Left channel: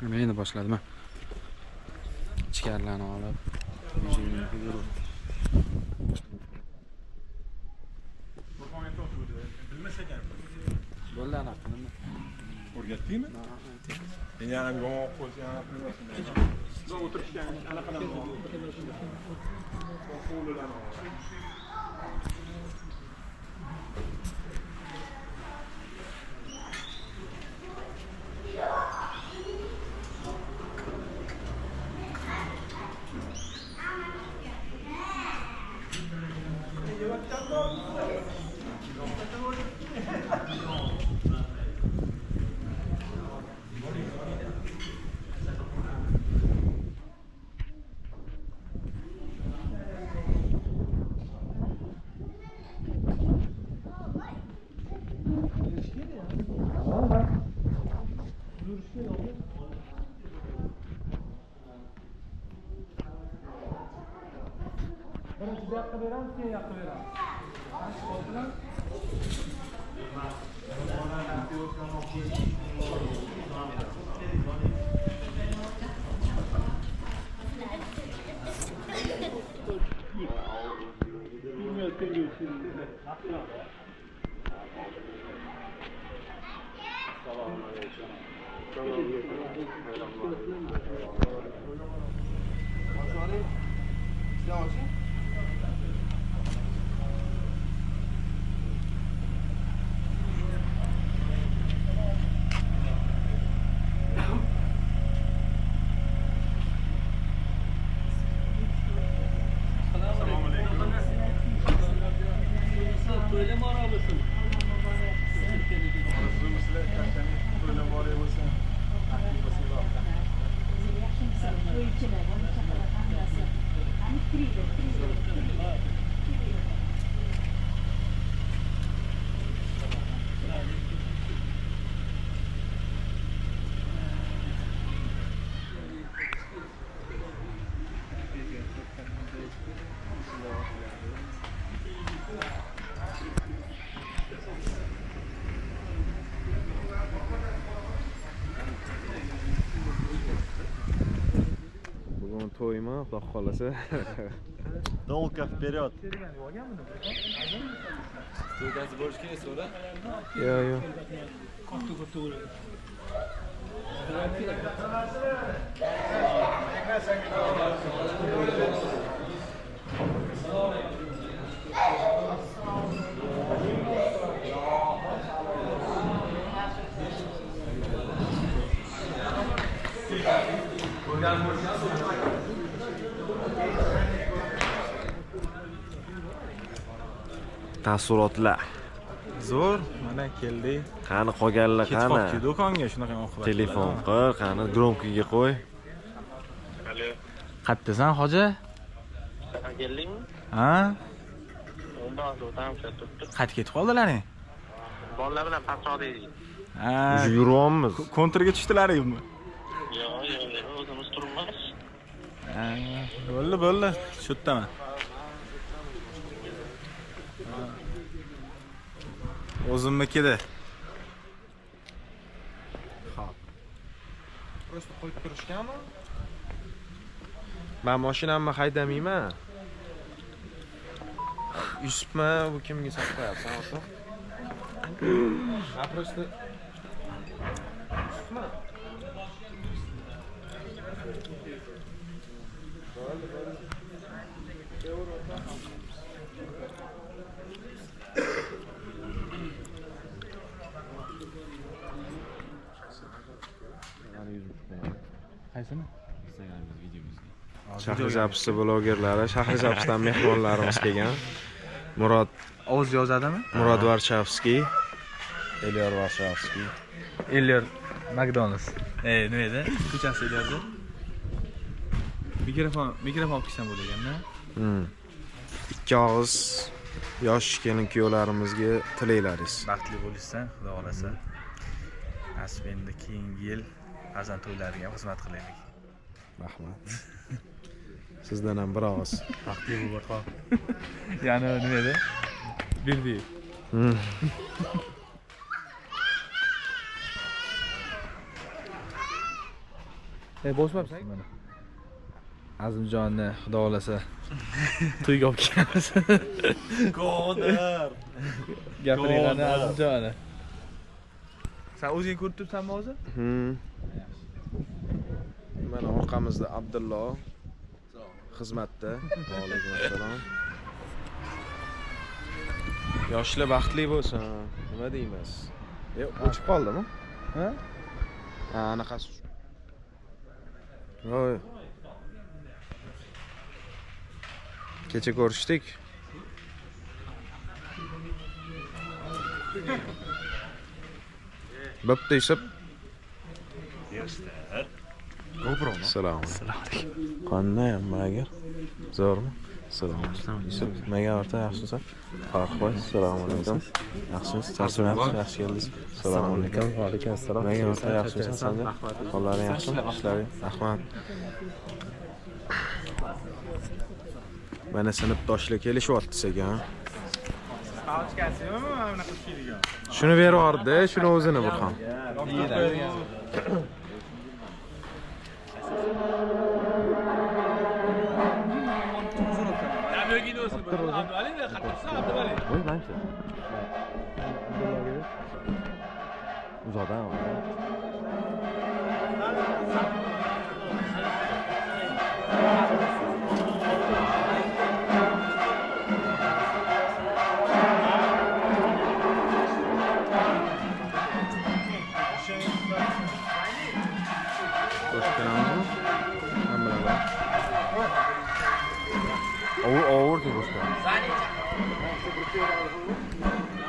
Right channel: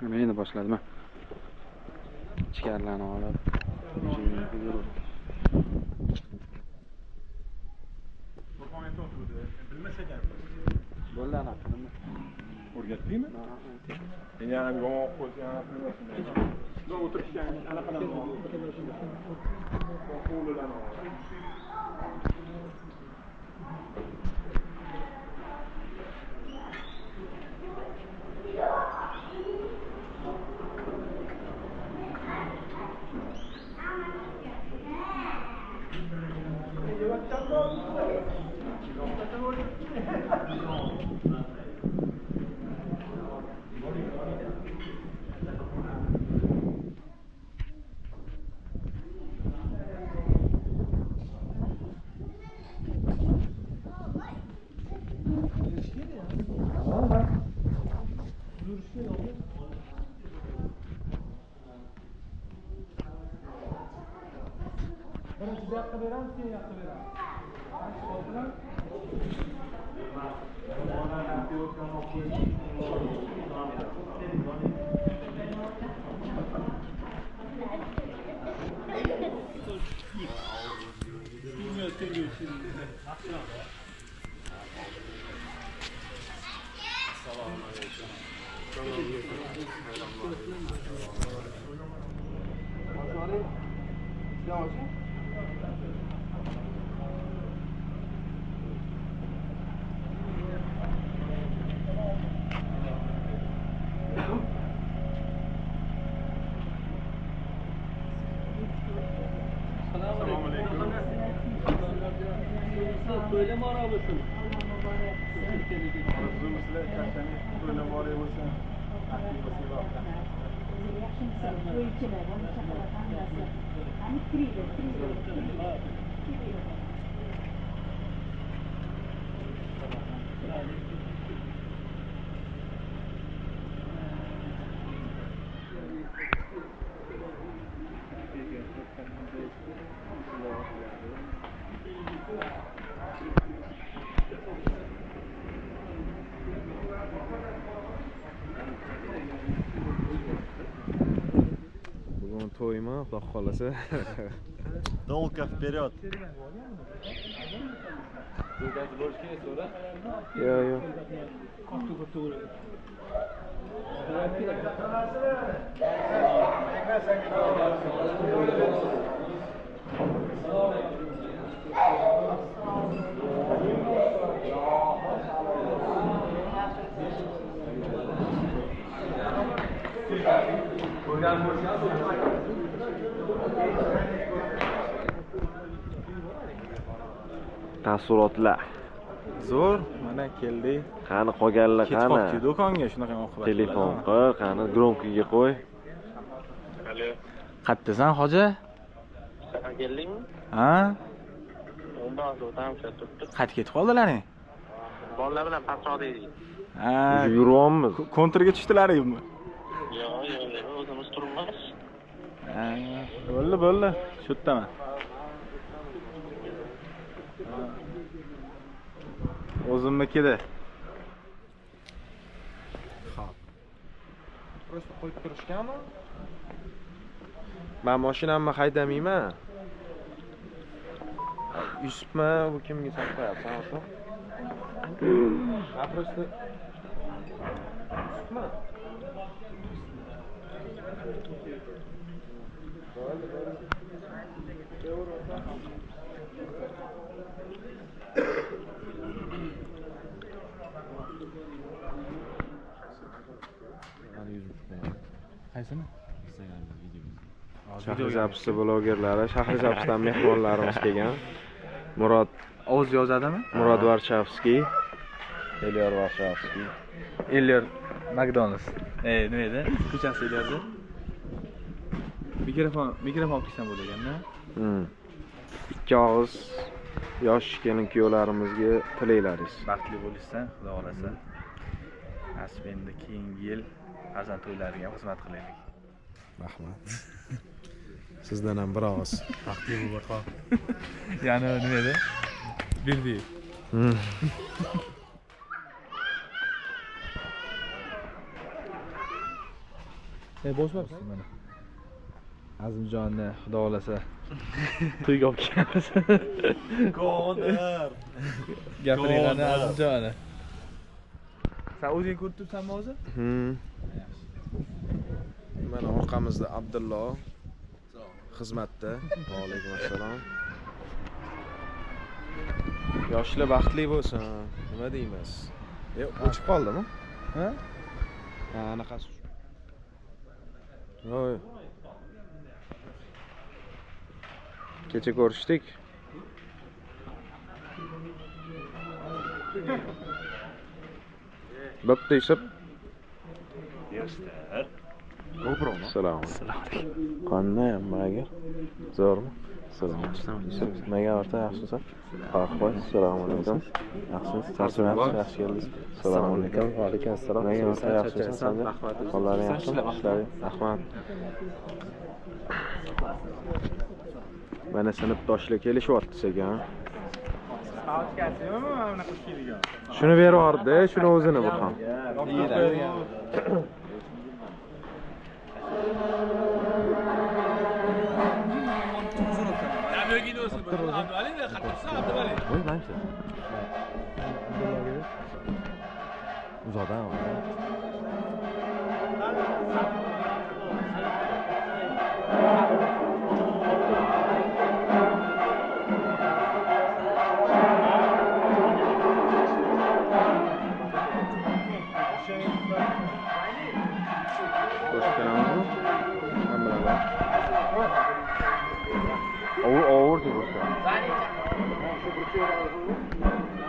Men endi boshladim. Ichkarilarni olib. Bo'ldi ana qildim. O'rgatdingmi? Men yana bir g'oq qo'ysam, bilmasam. O'tirishgan anaqalarni to'ymi, xudo xolasa. Dolga вперед. To'ydasi bo'lish kerak so'ra. Yo'q. Taassurotlar. Zo'r, mana keldik. Qani qolganlar qani? Ketib do'konga shunaqa oqibat. Telefon qil, qani gromkiga qo'y. Alo. Qayerdasan, hoji? Keldingmi? Ha? Undan o'tam turibdi. Qaytib ketib qoldinglaring? Bolalar bilan pastroq deydik. Ha. Yuryapmiz. Kontrga tushdilaringmi? Yo'q, o'zimiz turibmiz. Ha, bo'ldi. Shu yerdaman. O'zimnikida. Xo'p. Просто qo'yib turishganmi? Men mashinamni haydamayman. Yusufmi, bu kimga saqlayapsan o'sha? Ha, просто Yusufmi? Qaysini? Instagram'da videomizga. Shahrizabsi blogerlari, Shahrizabsdan mehmonlarimiz kelgan. O'z yozadimi? Murod Varshavskiy, Elyor Varshavskiy. Elyor McDonald's. Nima edi? Ko'chasi Elyorda. Mikrofon olsam bo'lganda. Ikki og'iz yosh kelin kuyovlarimizga tilaylaringiz. Baxtli bo'lishsan, xudo xolasa. Nasib endi keyingi yil farzand to'ylariga xizmat qilaylik. Rahmat. Sizdan ham bir og'iz. Baxtli bo'l barqo. Ya'ni nima edi? Bildi. Bosmabsan mana. Azimjonni xudo xolasa to'yga olib kelamiz. Qodir. Gapirgani Azimjonni. Sen o'zing ko'rib turibsanmi hozir? Mana orqamizda Abdullo xizmatda. Va alaykum assalom. Yoshlar baxtli bo'lsin. Nima deymiz? Yo'q, o'chib qoldimi? Ha? Ha, anaqasi. Voy. Kecha ko'rishdik. Bo'pti Yusuf. GoPro'mi? Assalomu alaykum. Qanday hammaga? Zo'rmi? Assalomu alaykum. Yusuf, nimaga o'rta yaxshisiz? Farqboy, assalomu alaykum. Yaxshisiz? Charchamayapsiz? Yaxshi keldingiz. Assalomu alaykum. Va alaykum assalom. Nimaga o'rta yaxshisiz? Qo'llaring yaxshimi? Ishlaring? Rahmat. Mana sinfdoshlar kelishyapti ekan. Shuni berib shuni o'zini bir ham. Voy mancha. Uzoqdan.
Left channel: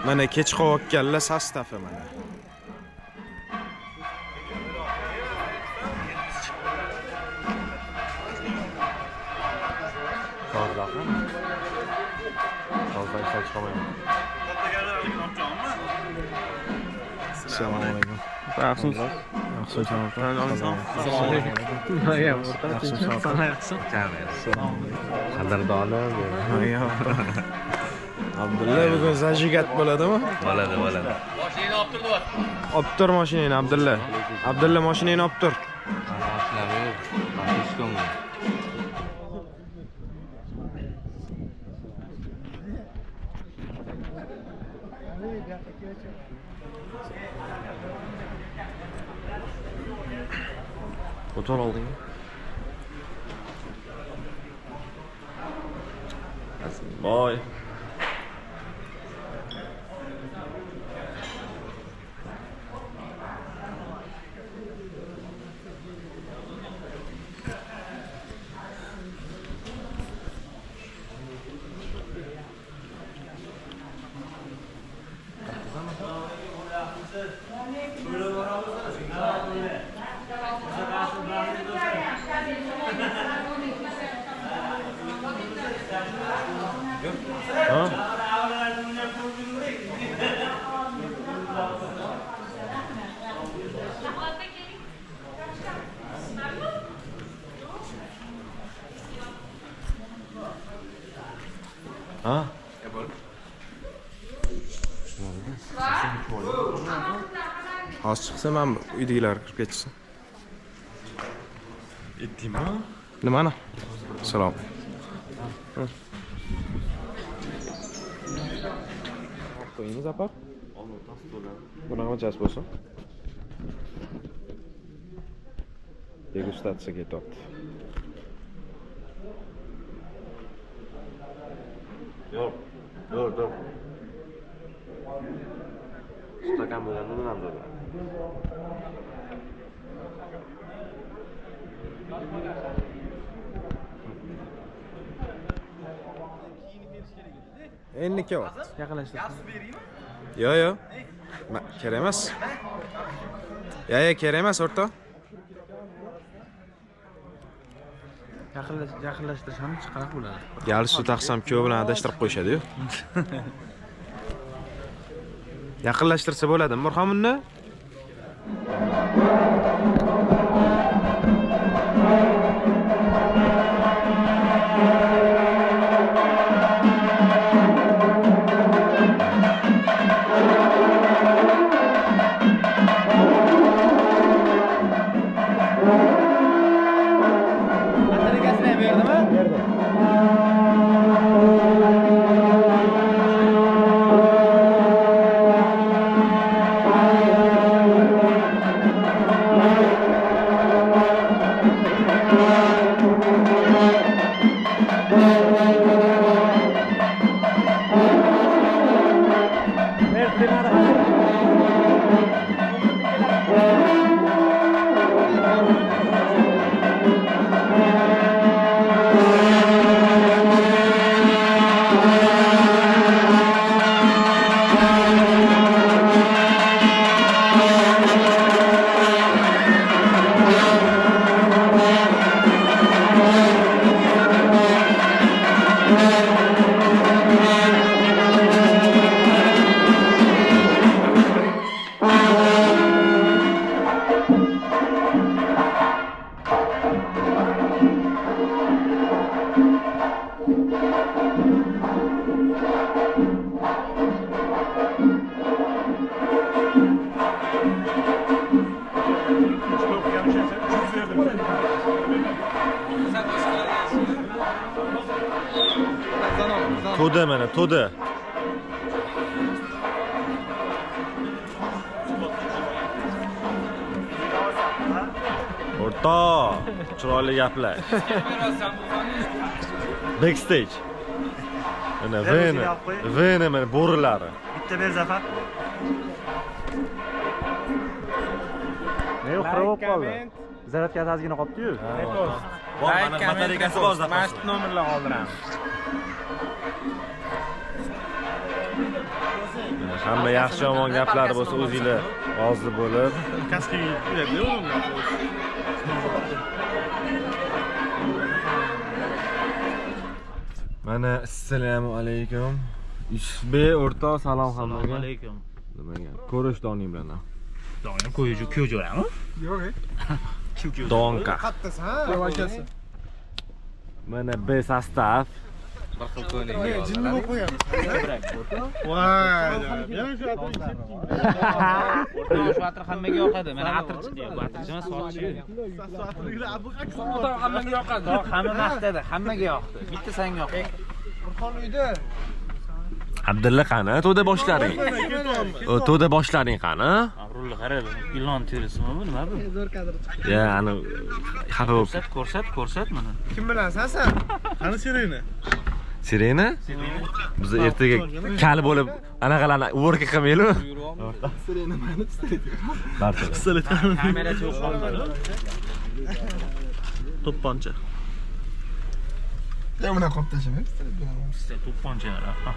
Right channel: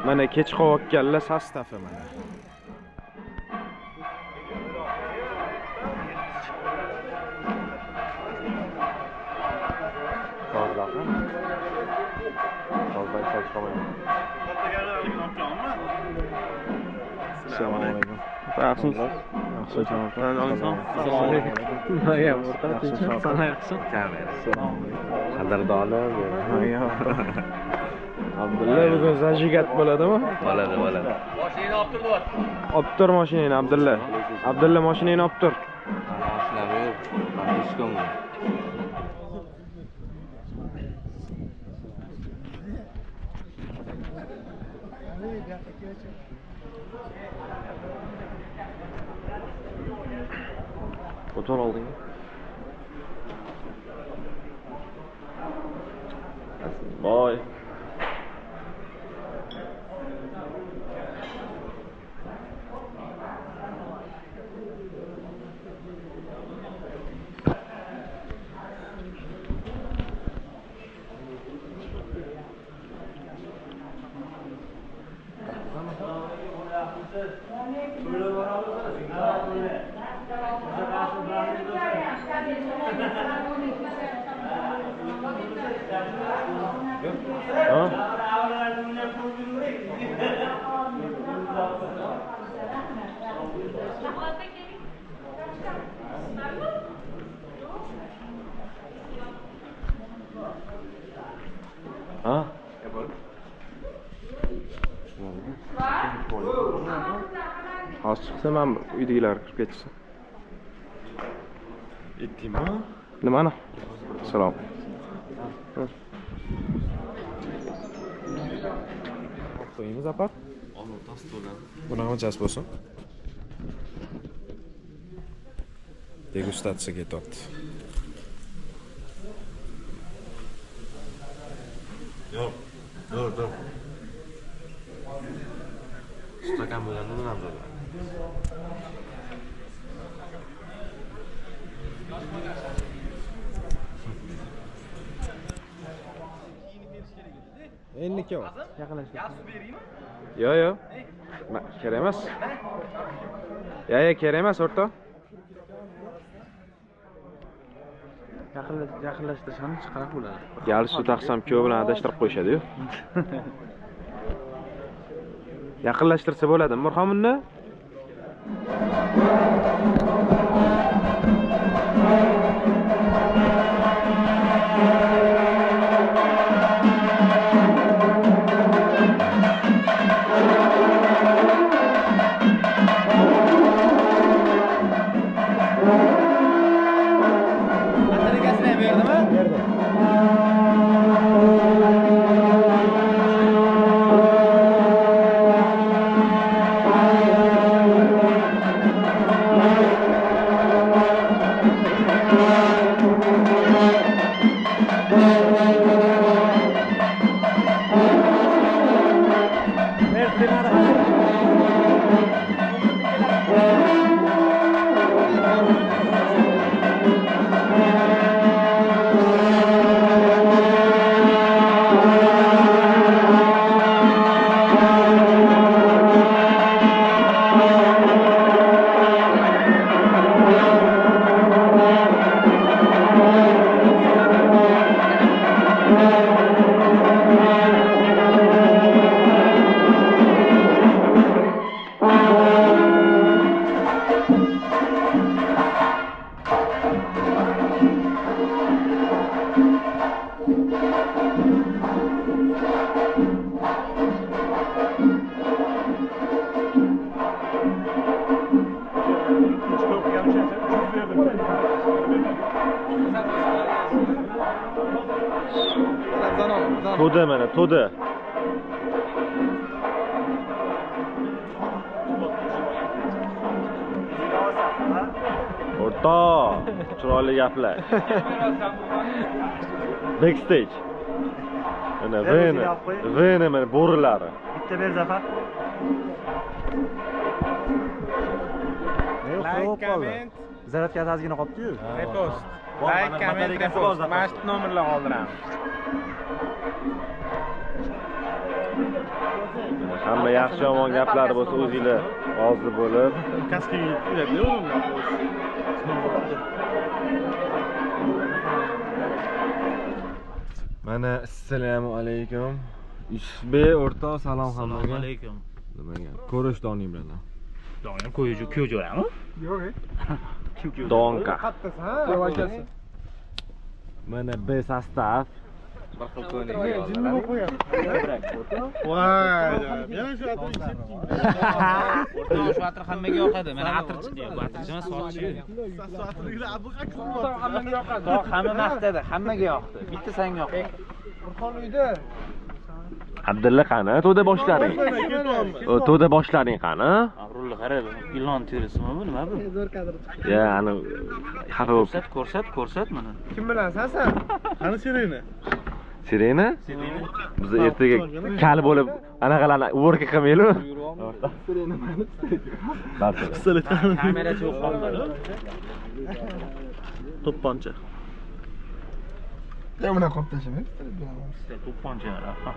Mana kech qolganlar sostafi mana. Assalomu alaykum. Yaxshisiz? Yaxshi janob. Assalomu alaykum. Nimaga o'rta tinchlikmi? Qadrdonim. Abdulla bugun zajigat bo'ladimi? Bo'ladi. Mashinani olib turdi. Olib tur mashinani Abdulla. Abdulla mashinani olib tur. Mashinami yo'q. Mashinam. Otur olding. Boy. Ha? Hozir chiqsa men uydagilar kirib ketsin. Etdingmi? Nimani? Salom. Qo'yimiz apar. Olma tasdiqlan. Bunaqa jas bo'lsin. Degustatsiyaga ketyapti. Yo'q. Dur. Stakan bo'lganda nima bo'ladi? Endi kelyapti. Yaqinlashtir. Yo'q. Kerak emas. Kerak emas o'rta. Yaqinlashtirsam qanaqa bo'ladi? Galsut taqsam kuyov bilan adashtirib qo'yishadi-yu. Yaqinlashtirsa bo'ladimi Murxon uni? to'da mana, to'da. O'rta, chiroyli gaplar. Backstage. Mana vena mana bo'rilari. Bitta ber Zafar. Ne yo'q qoldi. Zaryadka ozgina qolibdi-yu. Repost. Like, comment, repost. Mast nomerlar qoldiramiz. Hamma yaxshi yomon gaplari bo'lsa o'zingizlar rozi bo'lib. Kaskaga yuradi-yu. Mana assalomu alaykum. Yusufbek o'rtoq salom hammaga. Assalomu alaykum. Nimaga? Ko'rishdoning bilan. Doim ko'yjo'rami? Donka. Mana B sostav. Bir xil ko'ylak. Jinni bo'lib qo'yamiz. Voy, yana shu atir Shu atir hammaga yoqadi. Mana atirchi deydi. Bu atirchi emas, sochchi. atirlar abu Hammaga yoqadi. Hamma maqtadi, hammaga yoqdi. Bitta senga yoqdi. Burxon uyda. Abdulla qani? To'da boshlaring. To'da boshlaring qani? Rulni qarab, ilon terisimi bu nima bu? Zo'r kadr chiqdi. Ya, ani xafa bo'lib. Ko'rsat mana. Kim bilan sen? Qani Sirena? Sirena? Biz ertaga kal bo'lib anaqalarni work qilmaylik. Sirena mani istaydi. Barcha. Kamerasi yo'q qoldi. To'pponcha. Ya buna qolib tashlama. To'pponchalar.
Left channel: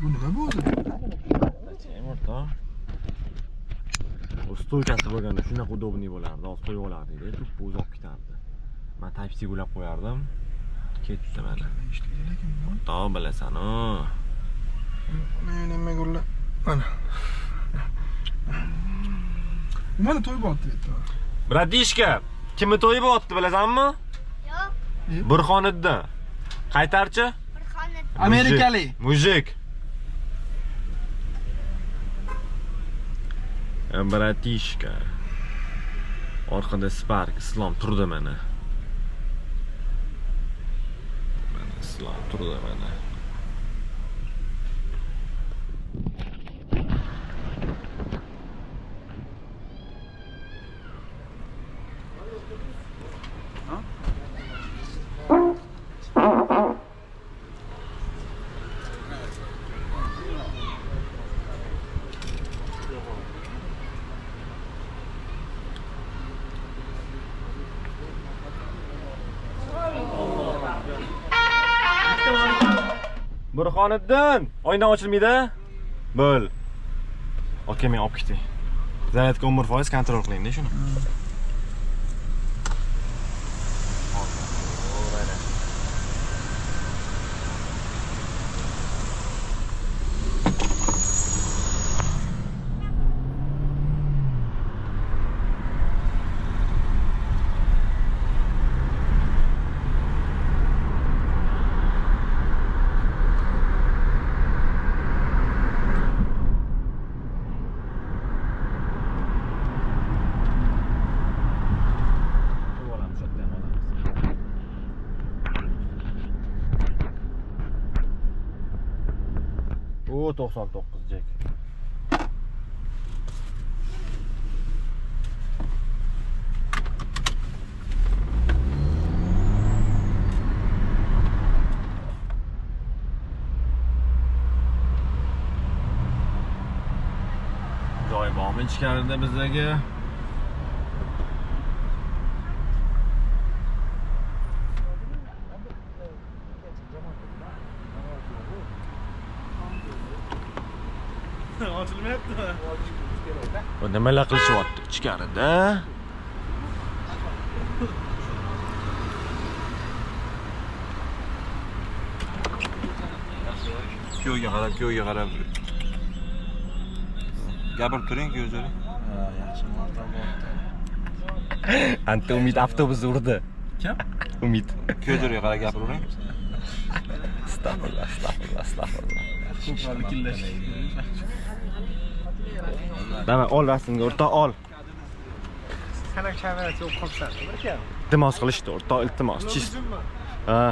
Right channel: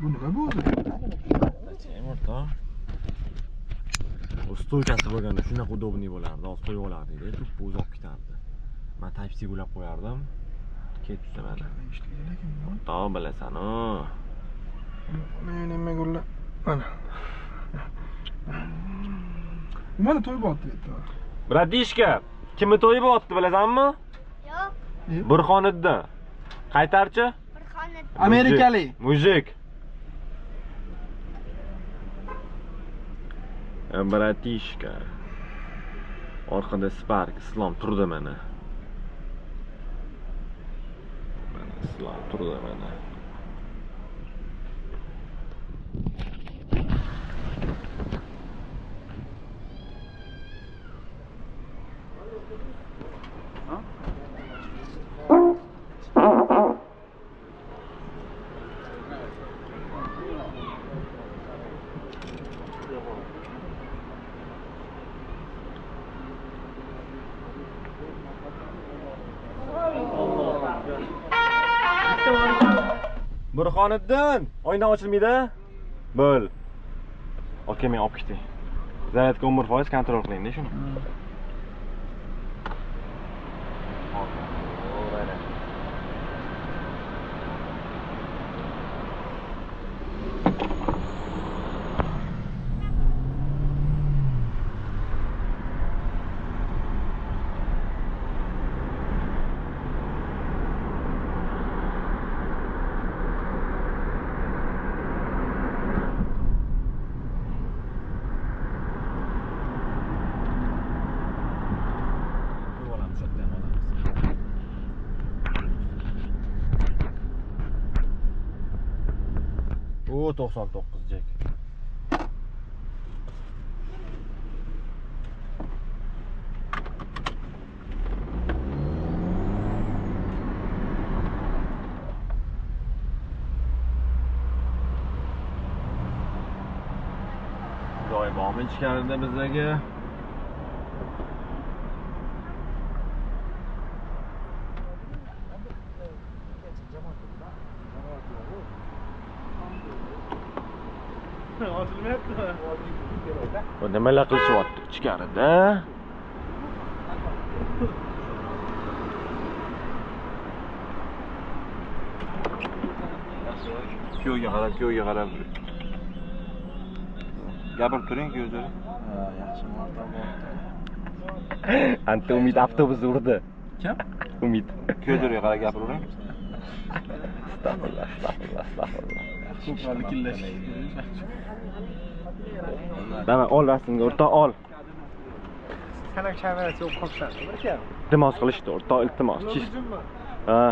Bu nima bo'ldi? O'rta. O stoykasi bo'lganda shunaqa udobniy bo'lardi. Hozir qo'yib olardi-da, to'p o'zi olib ketardi. Men Type-C ulab qo'yardim. Ketdi mana. O'rta bilasan-ku. Men nima gulla? Mana. Mana to'y bo'pti bitta. Bratishka, kimni to'yi bo'pti bilasanmi? Yo'q, Burxoniddin. Qaytarchi? Burxoniddin. Amerikalik. Mujik. Bratishka. Orqada Spark Islom turdi mana. Mana Islom turdi mana. Burxoniddin, oyna ochilmaydi. Bo'l. Okey, men olib ketay. Zaryadka 11% kontrol qiling-da shuni. O 99 Jack. Joy bormi ichkarida bizdagi? Bu nimalar qilishyapti ichkarida? Kuyovga qarab. Gapirib turing kuyovlar. Yaxshi marta bo'ldi. Anta Umid avtobusni urdi. Kim? Umid. Kuyovlarga qarab gapiravering. Astag'firullah. Ko'plarni killash. Mana ol rasmga o'rtoq ol. Sana kamerasi yo'q qolsa, bir kam. Iltimos qilishdi o'rtoq, iltimos. Ha.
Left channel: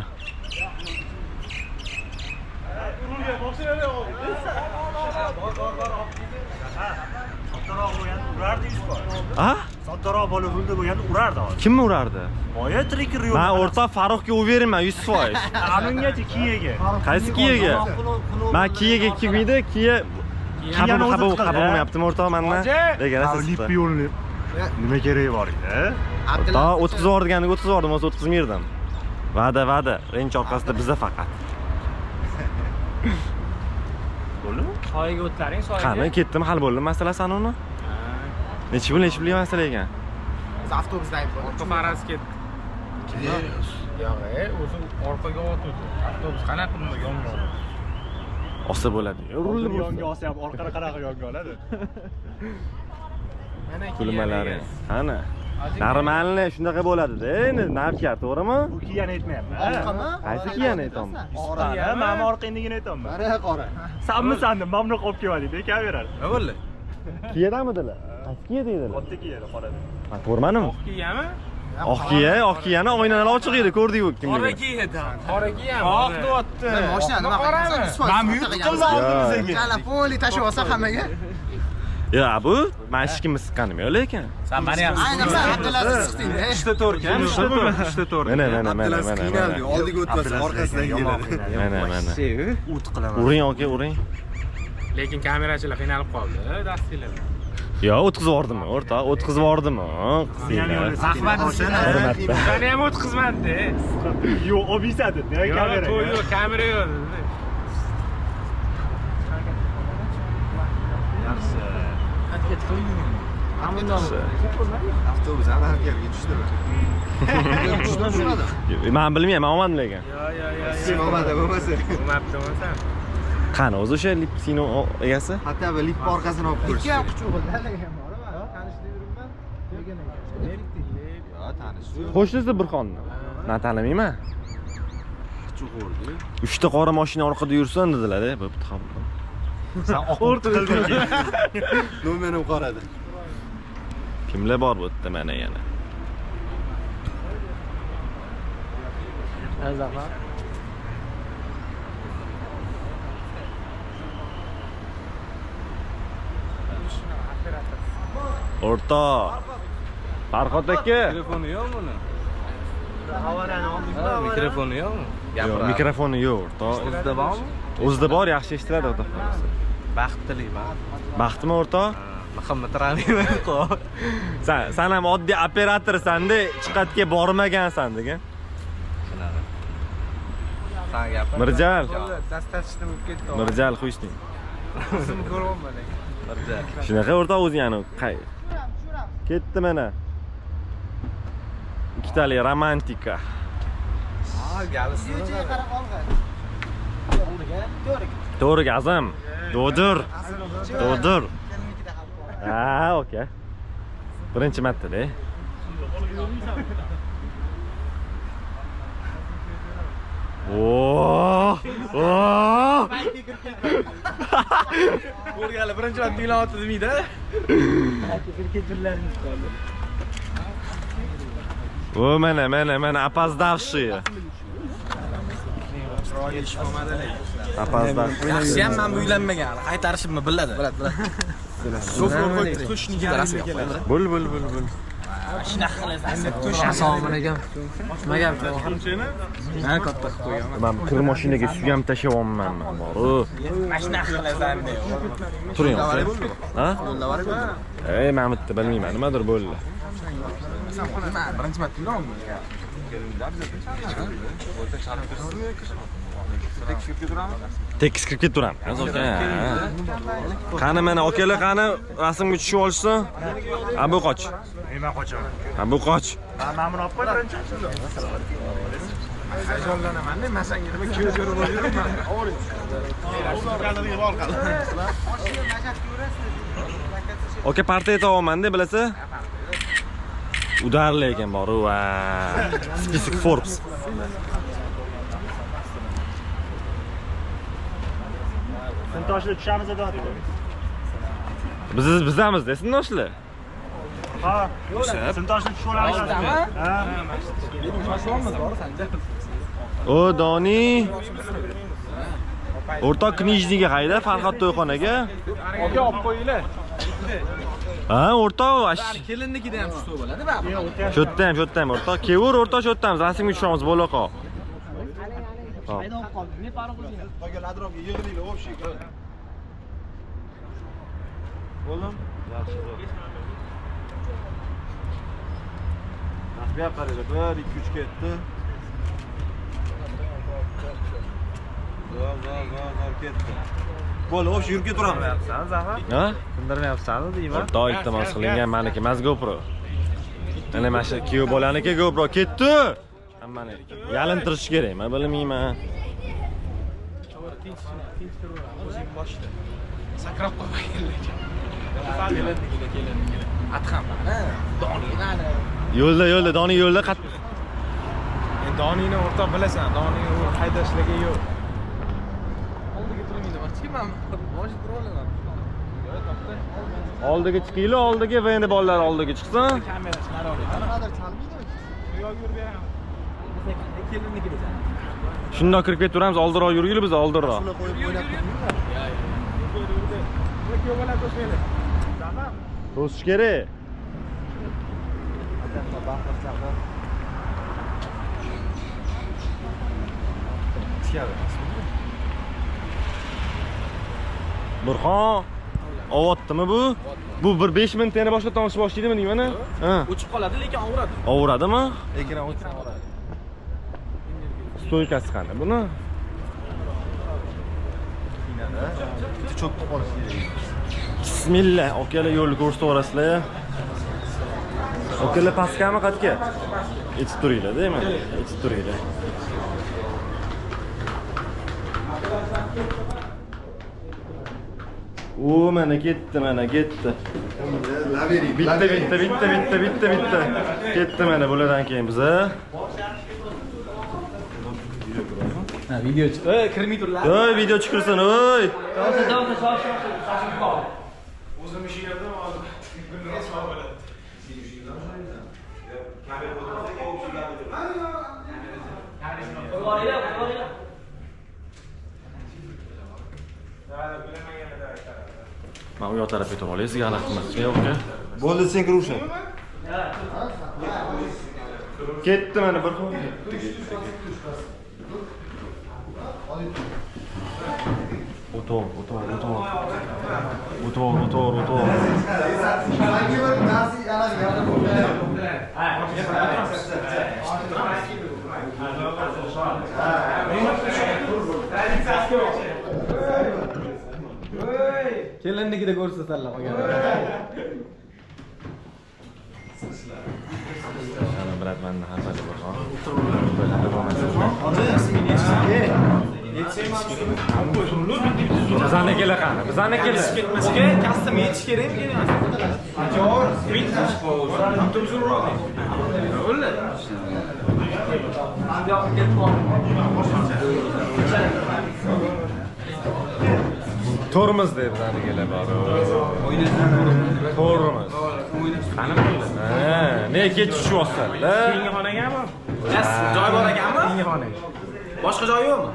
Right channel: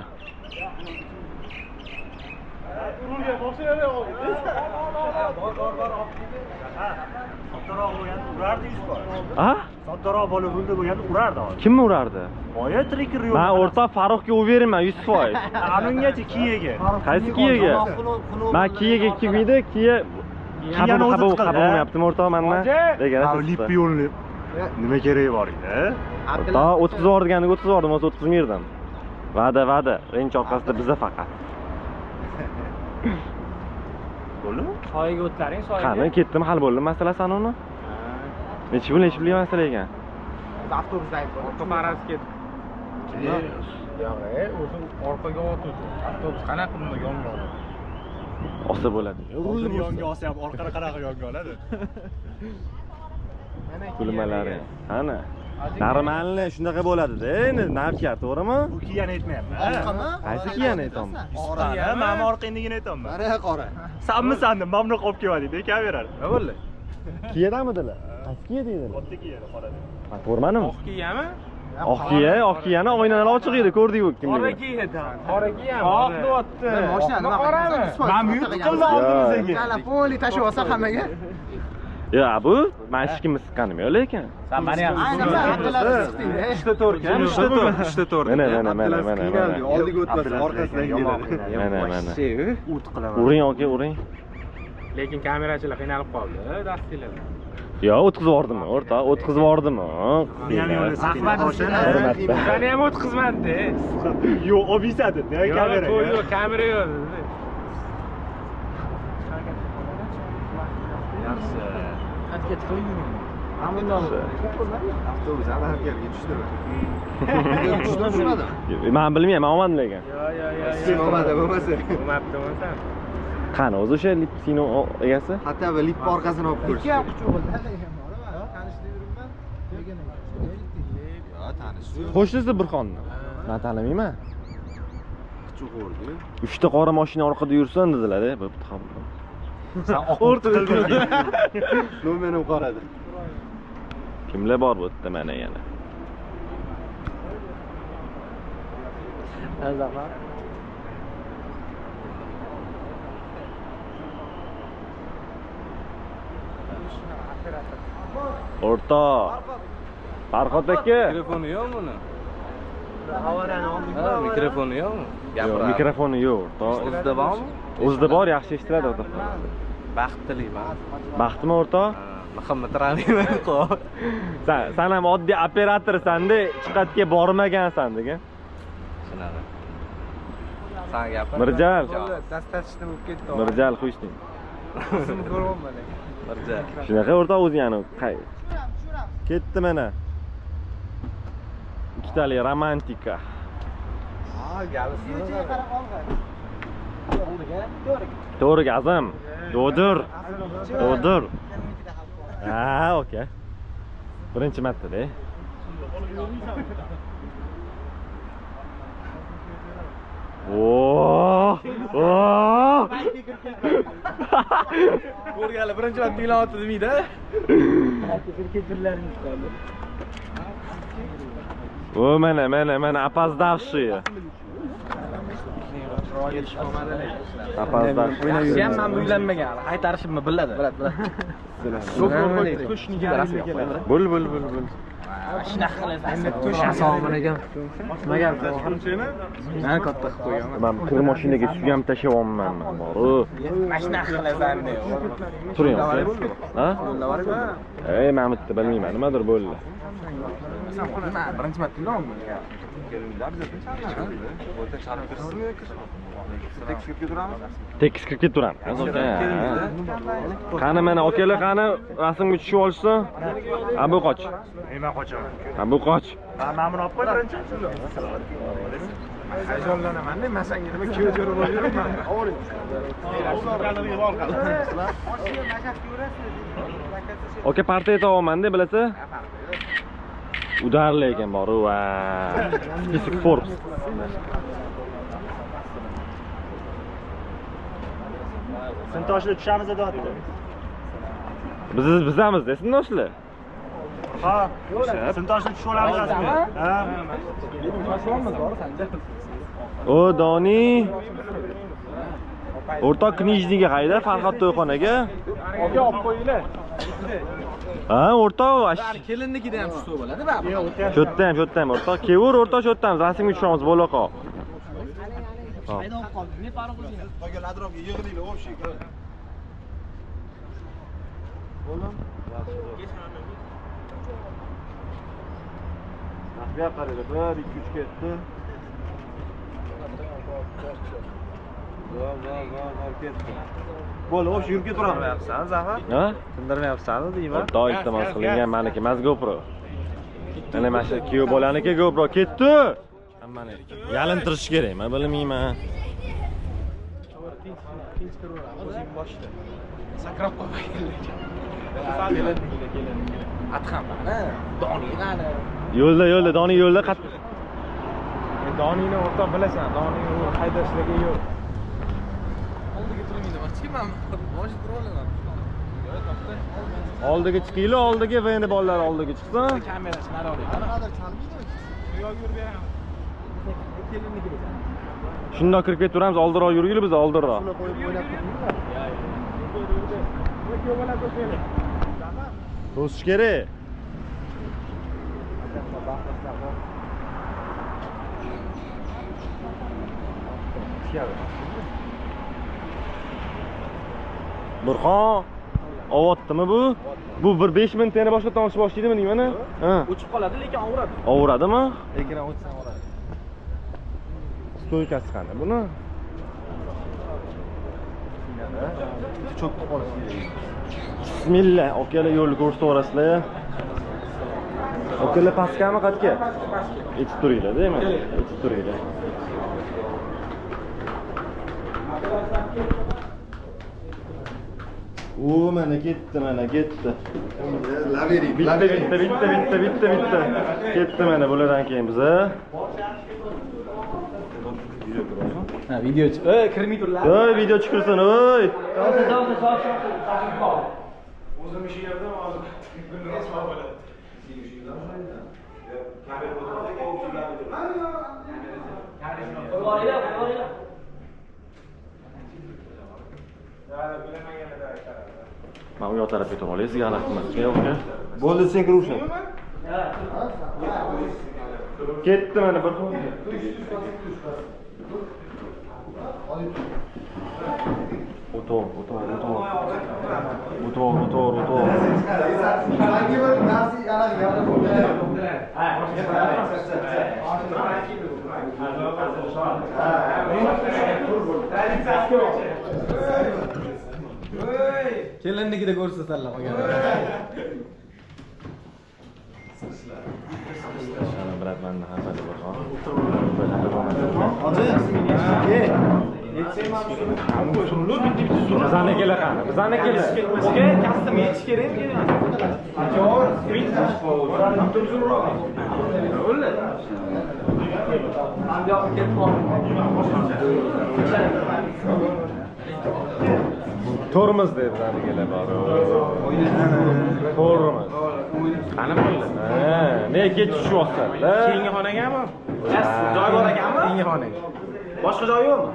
Ha? Soddaroq bola urildi bo'lganda urardi hozir. Kimni urardi? Boya trikir yo'q. Men o'rtoq Farruxga o'yveraman 100%. Anungacha Kiyaga. Qaysi Kiyaga? Men Kiyaga kelmaydi, Kiya qabul qilmayaptimi o'rtoq mendan? Lip yo'lni nima keragi bor edi? O'rtoq o'tkazib yuborganiga o'tkazib yubordim, o'zi o'tkazmaydim. Va'da, rench orqasida biza faqat. Bo'ldimi? Soyga o'tlaring, soyga. Qani, ketdim, hal bo'ldi masalasi uni. Nechi pul masala ekan? Biz avtobusdan Faraz ketdi. Yo'q, o'zi orqaga o'tdi. Avtobus qanaqa yonga oldi? Olsa bo'ladi. Urildi Yonga olsa ham orqaga qanaqa yonga oladi? Kulmalari. Qani? Normalni shunaqa bo'ladi-da, endi navkar, to'g'rimi? Bu Kiyani aytmayapman. Qaysi Kiyani aytaman? Qora, men orqangligini aytaman. Mana qora. Sanmi, mamnun qolib keladi, bekaverar. Nima bo'ldi? Kiyadamidilar? Qaysi Kiya deydilar? Katta Kiyani qorada. Ko'rmadim. Oq kiyami? Oq kiyani oynalar ochiq edi, ko'rdik-ku kimni. Qora kiyadi. Qora kiyami. Oq deyapti. Mashina nima qilgan? Men yutib qildim oldimizga. Kala poli tashib olsa hammaga. Ya bu men ishkimni siqqanim-ku lekin. Sen meni ham Aynan sen Abdulaziz siqding-da. ishda to'rkan, ishda to'rt. Mana. Oldiga o'tmasa orqasidan keladi. Mana. O't qilaman. Uring aka, uring. Lekin kamerachilar qiynalib qoldi, dastinglar. Yo, o'tkazib yubordimi, o'rtoq? O'tkazib yubordimi? Seni ham o'tkazmadi. Yo'q, obisadi. Kamera. Yo'q, kamera yo'q. Yaxshi. Avtobus anarkiyaga tushdimi? Men bilmayman, men olmadim lekin. Sen olmadi bo'lmasa. Bo'lmabdimi? Qani o'zi o'sha Lipsino egasi? Hatto bir lip orqasini olib ko'rishdi. Ikki quchug'i tanlagan bor, tanishdi yuribman. Yo, tanishdi. Qo'shnisi Burxonni. Men tanimayman. Quchug'i. 3 ta qora mashina orqada yursin dedilar-da, bo'pti ham. Sen oqurt qilding. Nomerim qoradi. Kimlar bor bu yerda mana yana? Azafar. O'rtoq. Farhod aka. Telefoni yo'qmi uni? Havarani oldingmi? Mikrofoni yo'qmi? Yo'q, mikrofoni yo'q, o'rtoq. O'zida bormi? O'zida bor, yaxshi eshitiladi, o'rtoq. Baxt tilayman. Baxtmi, o'rtoq? Muhammad Ralimov. Sen ham oddiy operatorsan-da, chiqatga bormagansan degan. Shunaqa. Sen gapir. Mirjal. Dastatishni bo'lib ketdi. Mirjal qo'yshding. O'zimni ko'ryapman lekin. Mirjal. Shunaqa o'rtoq o'zi yana ketdi mana. Ikkitali romantika. Galisi. To'g'ri azam. Do'dir. Ha, okey. Birinchi marta-da. Ko'rganlar birinchi marta o'ylayapti demaydi. Mana опоздавшие. Опоздавшие. Yaxshi ham men uylanmagan. Qaytarishimni biladi. Biladi. Bo'l. Shunaqa qilasan. Assalomu alaykum. Nima gap? Men katta qilib qo'yaman. Men kir mashinaga suyam tashyapman men. Shunaqa qilasan deb. Turing. Ha? Men bitta bilmayman, nimadir bo'ldi. Birinchi marta uylandim. Tekis kirib keturamiz. Qani mana akalar qani rasmga tushib olishsin. Ha bu qoch. Men qochaman. Ha bu qoch. Men buni olib qo'y birinchi. Hayajonlanaman-da, men senga nima ko'z ko'rib yuribman. Aka partiya aytaman-da, bilasiz? Udarli ekan bor va Spисок Forbes. Sintoshli tushamiz deyapti. Bizamizda, sintoshli. Ha, sintoshli tushib olamiz. Ha. O Doni. O'rtoq knijniga qayda? Farhod to'yxonaga. Aka olib qo'yinglar. Ha, o'rtoq. Kelinnikida ham shu bo'ladi, baba. Shu yerda ham o'rtoq. Kevur o'rtoq shu yerda ham. Rasmga tushamiz bo'laqa. Qayda olib qoldi? Ne farq qilgan? Qolgan atrofga yig'ilinglar, общий. Bo'ldimi? Yaxshi. Nasibga qaraydi. 1 2 3 ketdi. Zo'r ketdi. Bo'ldi, общий yurib ketaveramiz. Zafar? Ha? Sindirmayapsan deyman. Xudo iltimos qilingan meniki emas GoPro. Ana mana shu kuyov bolaniki GoPro ketdi. Hammani yalintirish kerak, men bilmayman. Sakrab qo'ymaylik. Atxam mana, doni qani. Yo'lda Doni yo'lda Donini o'rtoq bilasan, Doni haydashligi yo'q. Oldiga turmaydi, men bosh turolaman. oldiga chiqinglar, oldiga va endi bolalar oldiga chiqsin. Kamerasini nari olaylik. Qanadir chalmaydimi? Yo'q, yurib beraman. Kelinnikida. Shundoq kirib ketaveramiz, oldinroq yurgil biz oldinroq. Shuni qo'yib o'ynab To'sish kerak. Burxon, ovatdimi bu? Bu bir 5 minut yana boshqa tomosha boshlaydimi deyman-a? Ha. O'chib qoladi, lekin og'radi. Ovuradimi? Ekran o'chsa og'radi. Stoykasi qani buni? cho'kib qolish kerak. Bismillah, okalar yo'lni ko'rsataverasizlar. Okalar pastkami qatga? Yetib turinglar, deymi? Yetib turinglar. O mana ketdi, mana ketdi. Lavering, Bitta. Ketdi mana bulardan keyin biza. Ha, video chiq. Kirmay turlar. Oy, video chiqirsin, oy. O'zim ish yerda hozir kunlar so'rab bo'ladi. Men u yoq tarafga o'tib olay, sizga g'alati qilmaslik yo'q-ku. Bo'ldi, sen kiruvsan. Ketdi mana bir xil. O'to'r. Kelinnikida ko'rsatalar qolgan. Brat menda hafada bor. Bizani kela qani? Bizani kela. Ketmasga kastam yetish kerak emas. Ajoyib. Bitmish bo'ldi. Turzo'roq. O'la. Yo'q, Tormoz deb bizani kela bor. Tormoz. Qani bo'ldi? Ha, ne ketishyapsan-da? Keyingi xonagami? Joy bor ekanmi? Keyingi xonaga. Boshqa joy yo'qmi?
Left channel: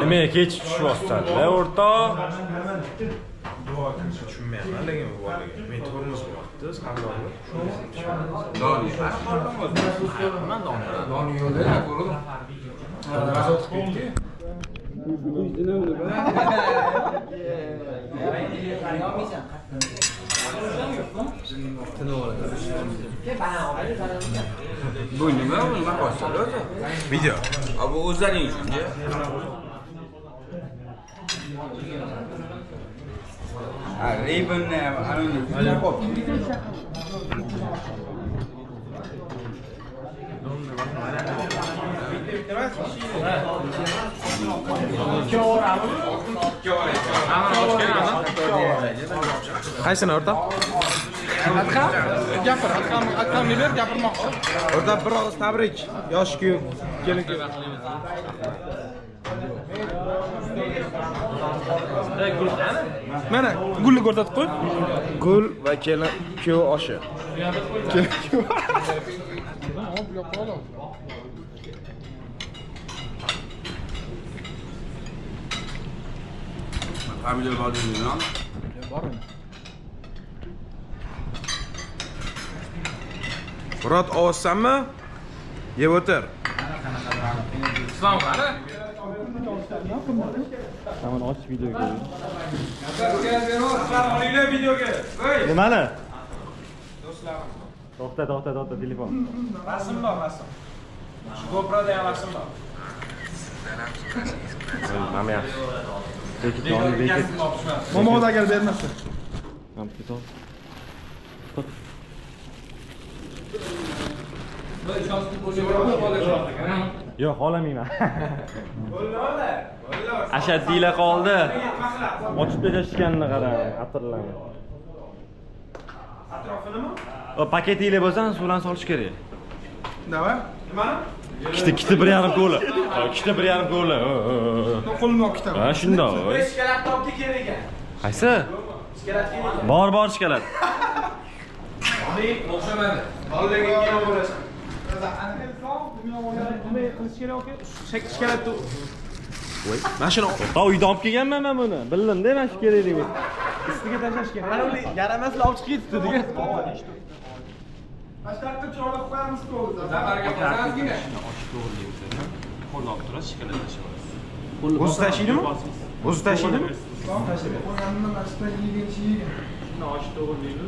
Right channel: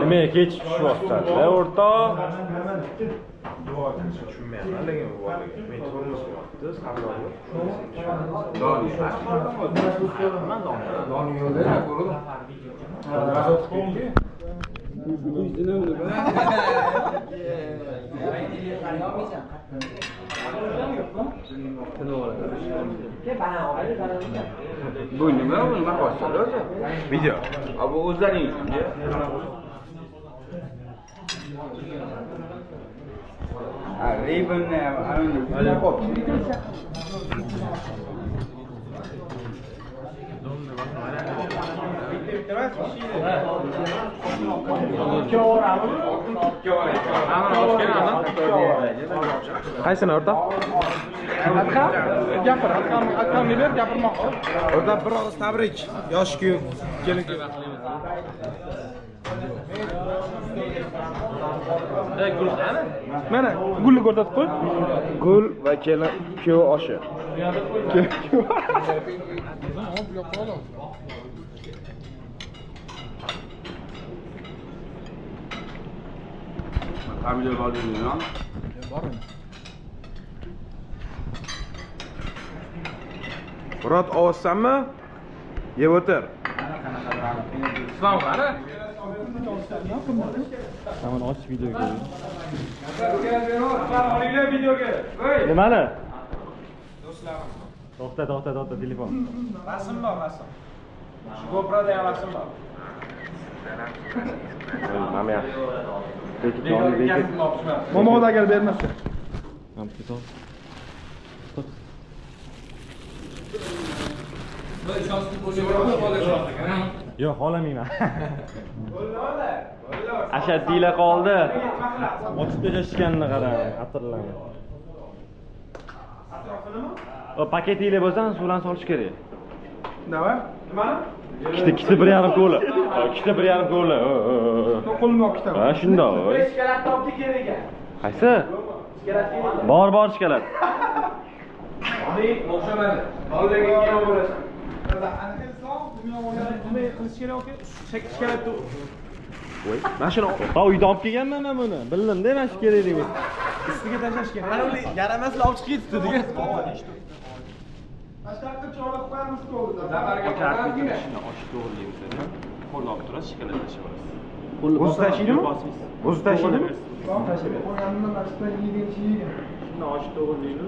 Nima ketishyapsan-da, o'rtoq? Tushunmayapman, lekin bu bolaga. Men tormoz bo'lyapti, qandoqmi? Doni yo'lda ko'rdim. Bu nima boshqalar o'zi? Video. Bu o'zlaring uchun-chi? Ribbonni ana qo'p. Qaysini o'rtoq? Gapir, akam ber, gapirmoqchi. O'rtoq bir og'iz tabrik. Yosh kuyov kelin. Mana gulni ko'rsatib qo'y. Gul va kelin kuyov oshi. Hamidov Bodingiz. Murod, ovozsanmi? Yeb o'tir. Islom qani? Tamam, och videoga. Olinglar videoga. Nimani? To'xta, telefon. Rasm bor, rasm. Shu GoPro'da ham rasm bor. Mana yaxshi. Bekit. Momoda agar bermasa. Ham ketok. Yo'q, xolamayman. Ashaddiylar qoldi. Otib berishganini qarang, atirlarni. Atrofinimi? O paketinglar bo'lsa, suvdan solish kerak. Nima? Nimani? Ikkita 1,5 ko'li. Ikkita 1,5 ko'li. Qo'limni olib ketaman. Ha, shundoq. Shkalatni olib kerak ekan. Qaysi? Shkalat kerak. Bor shkalat. Oling, o'xshamadi. Oldingiga ham bo'lasan. Nima qilish kerak aka? Shkalatni Mashina Ta uyda olib kelganman men buni. Bildim-da, mana shu kerak deb. ustiga tashlash kerak. Mana ular yaramaslar olib chiqib ketdi degan. Mashtarqqa chorlab qo'yamiz to'g'ri. Zafarga qo'yasizmi? Qo'lni olib turasiz, shikoyat tashlab olasiz. O'zi tashaydimi? O'zi tashaydimi? Qo'yganimda mashtarqqa yegan. Shuni ochib to'g'rilaydi.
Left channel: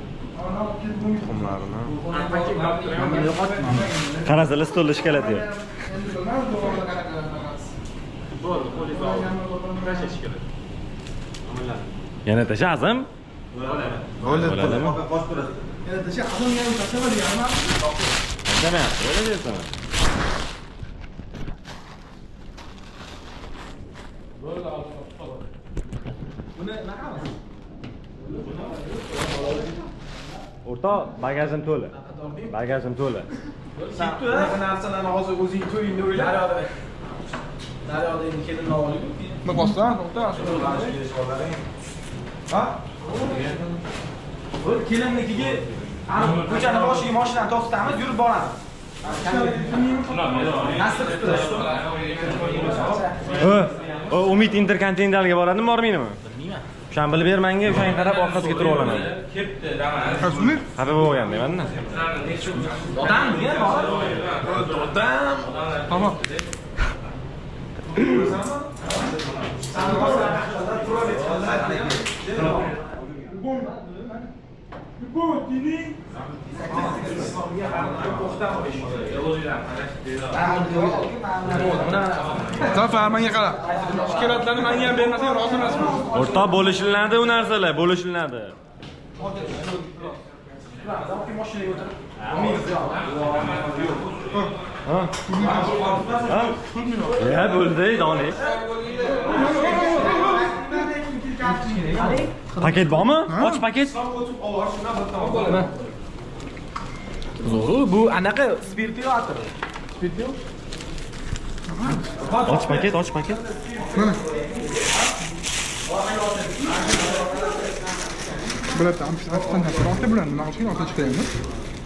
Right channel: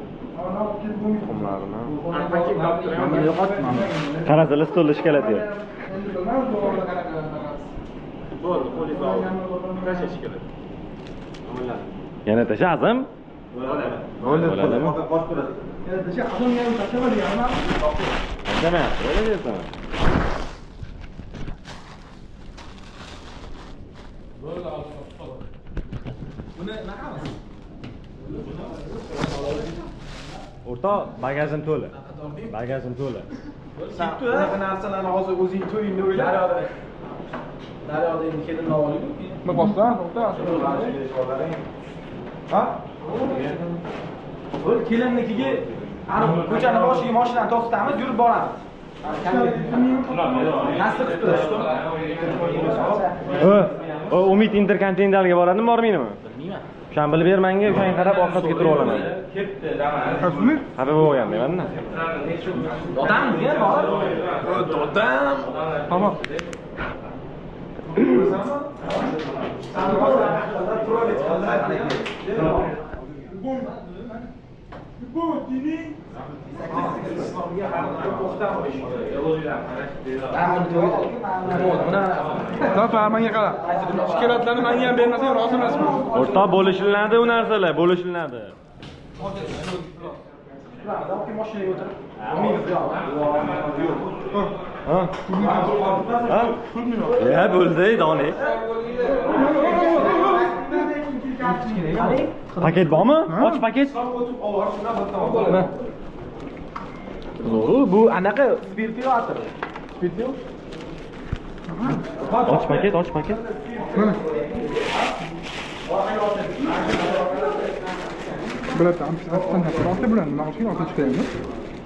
Tuxumlarni. Mana yo'qotdim. Qarasanglar stolda shkalat yo'q. Bo'ldi, qo'lingizni olib tashlash kerak. Yana tashazim? Bo'ladimi? Yana tasha, adam yana tashlama deganman. Tashamayapti, o'ylab deyapsan. Buni naqamiz? O'rta, bagajim to'la. Bagajim to'la. Bunaqa narsalarni hozir o'zing to'yingda o'yla. Daryoda endi kelinni olib. Nima bosdan? To'xta. Ha? Bu kelinnikiga ko'chani boshiga mashinani to'xtatamiz, yurib boramiz. Nasib O Umid Intercontinentalga boradimi, bormaydimi? Bilmayman. O'shani bilib ber menga, o'shanga qarab orqasiga turib olaman. Rasmi? Xafa bo'lgandayman-da. Dodam degan bor. Dodam. Tamam. Zafar, menga qara. Shikoyatlarni menga ham bermasang rozi emasman. O'rta bo'lishiladi u narsalar, bo'lishiladi. Mashinaga o'tirib. Ha? Ha? Ya bo'ldi, doni. Paket bormi? Och paket. Bu anaqa spirti yo'qdir. Spirti yo'q. Och paket. Mana. Bular amfisatdan haqiqatda bular nima qilishga olib chiqayapmiz?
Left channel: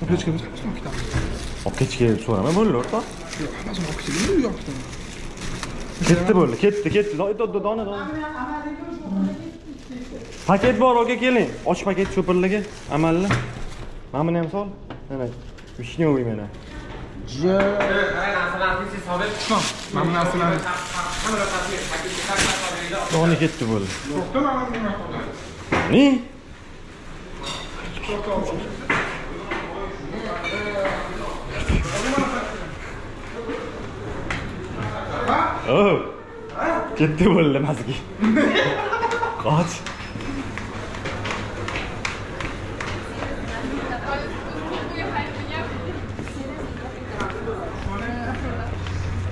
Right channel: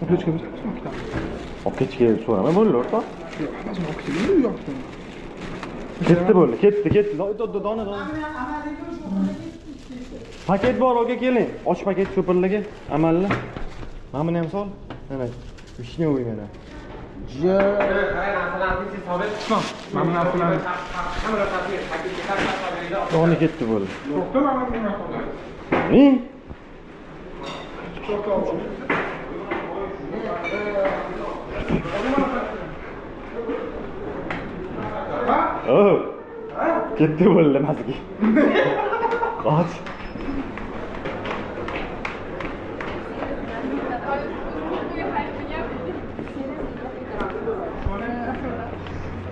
Olib chiqamiz. Olib ketishga so'rama bo'ldi, o'rta. Hammasini olib chiqamiz, yo'qdi. Ketdi bo'ldi, ketdi. Dona. Paket bor, o'ga keling. Och paket cho'pirligi, amalli. Mana buni ham sol. Mana. Vishnyovый mana. Mana narsalarni. Doni ketdi bo'ldi. To'xta, mana buni. Ni? Oh. Ketdi bo'ldi mazgi. Qoch.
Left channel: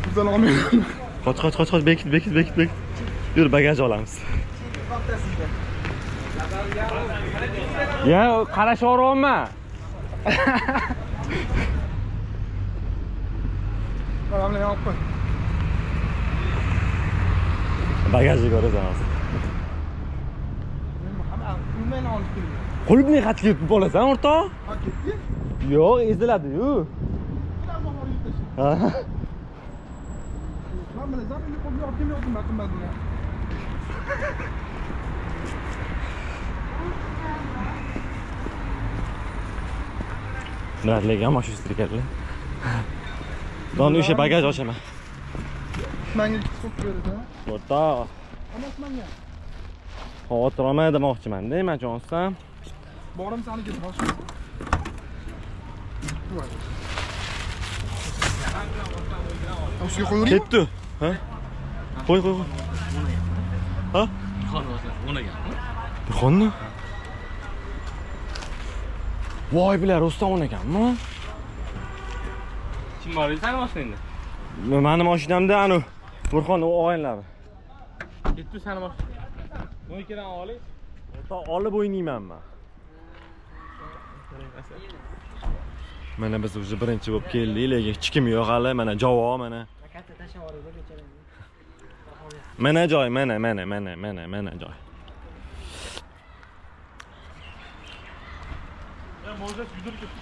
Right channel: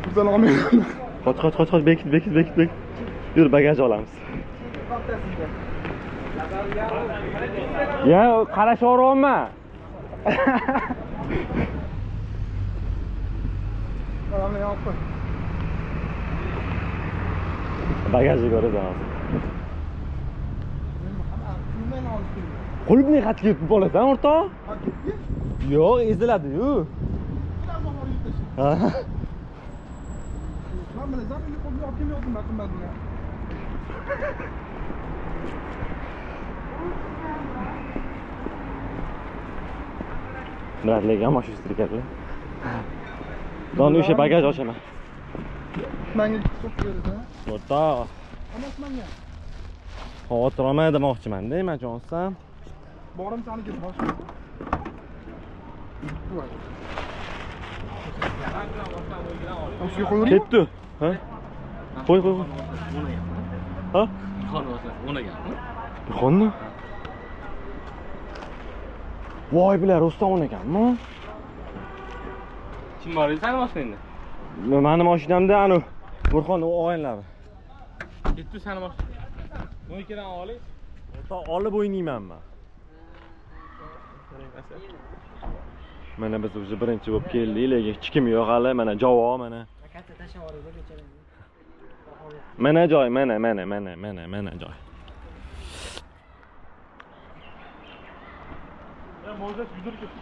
Bizdan olmayman. Qoch, bekit. Yur, bagaj olamiz. Ya, qarashavermayman. Mana olib qo'y. Bagajni ko'rasan hozir. Men olib keldim. Qo'libni xatga yutib olasan, o'rta? Ha, ketdi. Yo'q, eziladi-yu. Ha. Men bilan zaminni qo'lga olib kelmayapman, qimmat buni. Bradleyga ham shu strikatlar. Doni o'sha bagaj ochaman. Menga so'p berdi. O'rta. Amas menga. Xavotir olmay demoqchiman-da, men jo'nsam. Borim seni ketib bosh. O'sha qo'ying. Ketdi. Ha? Qo'y. Ha? Xonni? Voy bilar, Rustam ekanmi? Kim bor edi mashinangda? Meni mashinamda anu Burxon o'g'aynlari. Ketdi seni mashina. Bu ikkidan oling. O'rta olib o'ynaymanmi? Mana biz уже birinchi bo'lib keldik, lekin hech kim yo'q hali. Mana javob mana. Katta tashavorida bechalang. Mana joy, mana joy. Ya может yudirib ketdi.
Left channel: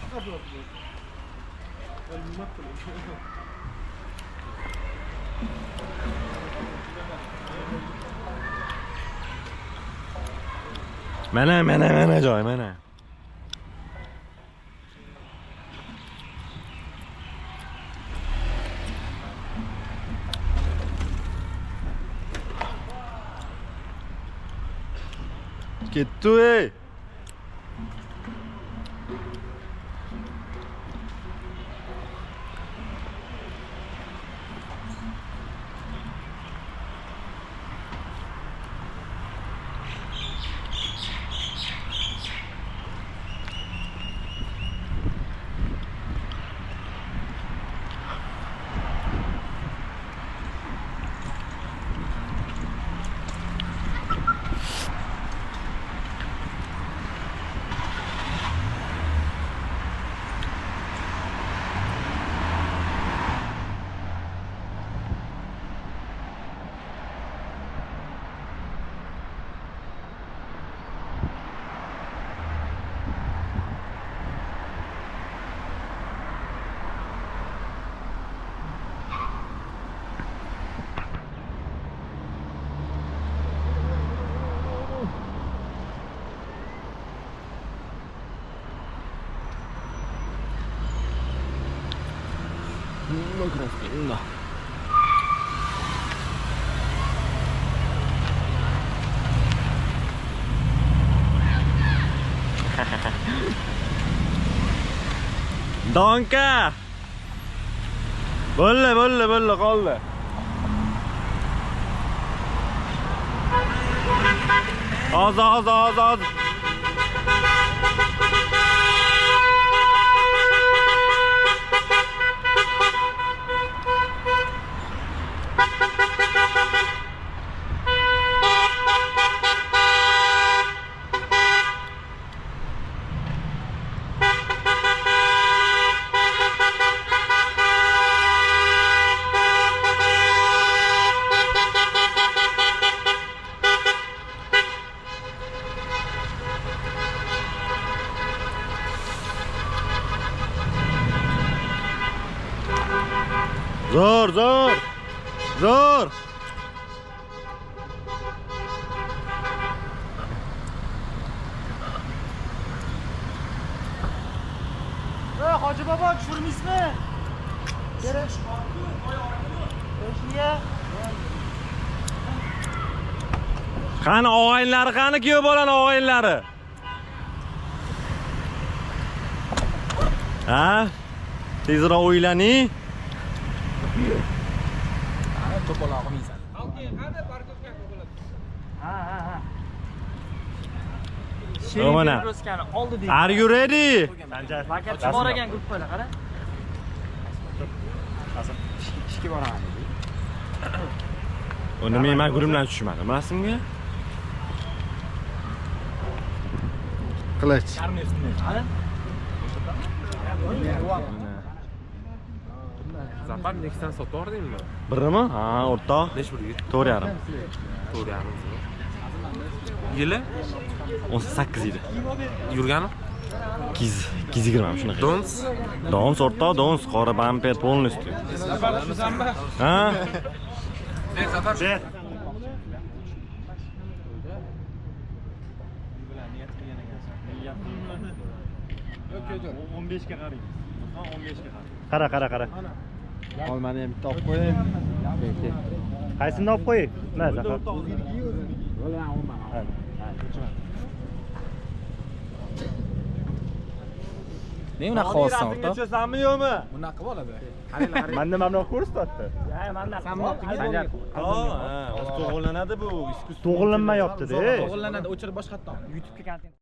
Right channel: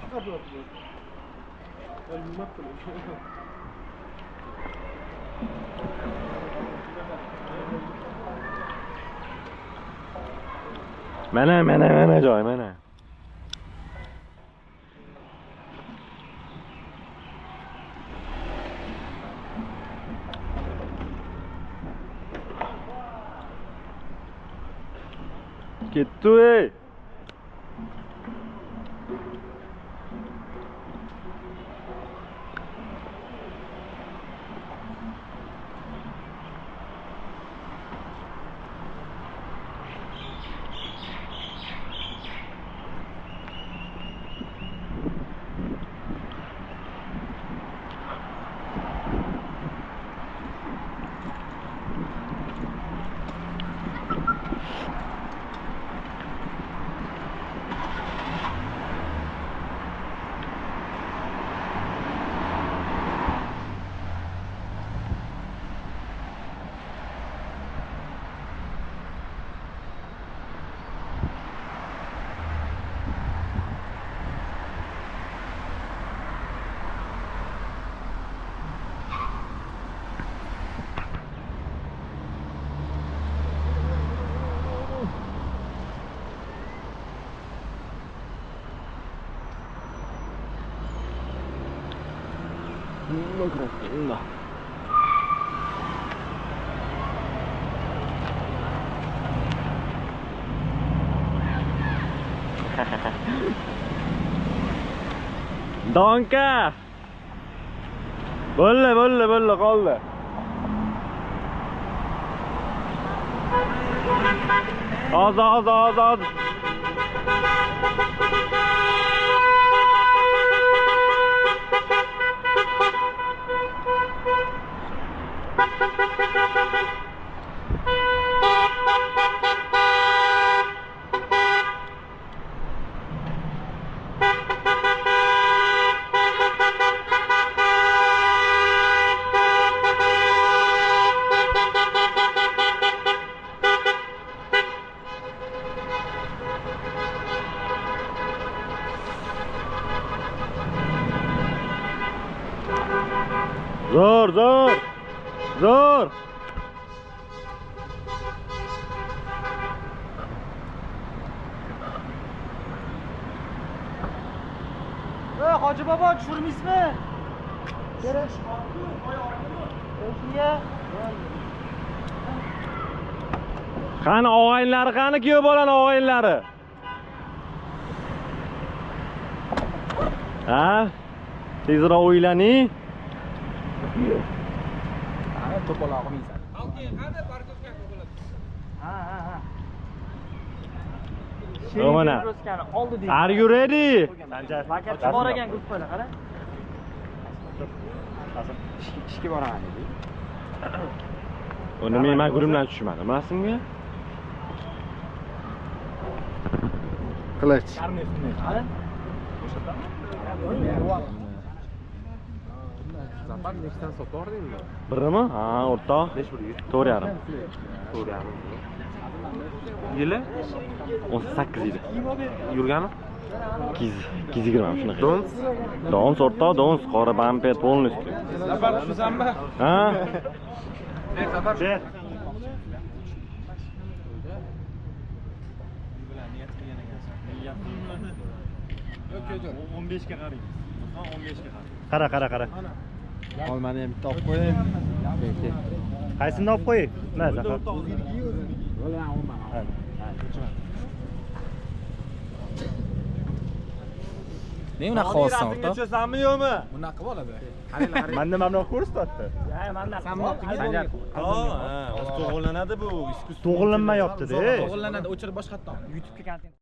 Mana joy, mana. Ketdi ey. No. Donka! Bolla qoldi. Oz. Zo'r. Hoji bobo tushirmaysizmi? Kerak. Qani og'aynlari, qani kuyov bolani og'aynlari? Ha? Tezroq o'ylaning. To'polog'i miysan. Ha. Mana. Are you ready? Vakatchi bor ekan gruppada, qara. Ishga boraman dedi. Uni men guruhdan tushmadim, bilasizmi? Qilich. Qara. Zapad Nexon sotib yordingmi? Birmi? Ha, o'rtoq. 4.5. Yili 18 yil. yurgani? Kiz girmam shunaqa. Dons o'rtoq, dons qora bamper полностью. Zapad shusanmi? Ha? Ber. 15 ga qaraymiz. Ha, 15 ga qarang. Qara. Olmani ham bitta olib qo'ying. Qaysini olib qo'ying? Mana Zafar. Ne unaqa qilyapsan o'rtoq? Kechasanmi yo'qmi? Bunaqa bo'ladi. Menda mamnun ko'rsatdi. Sanjar. To'g'irlanadi bu. To'g'irlanmayapti-da. To'g'irlanadi, o'chirib boshqatdan. YouTube'ga kontent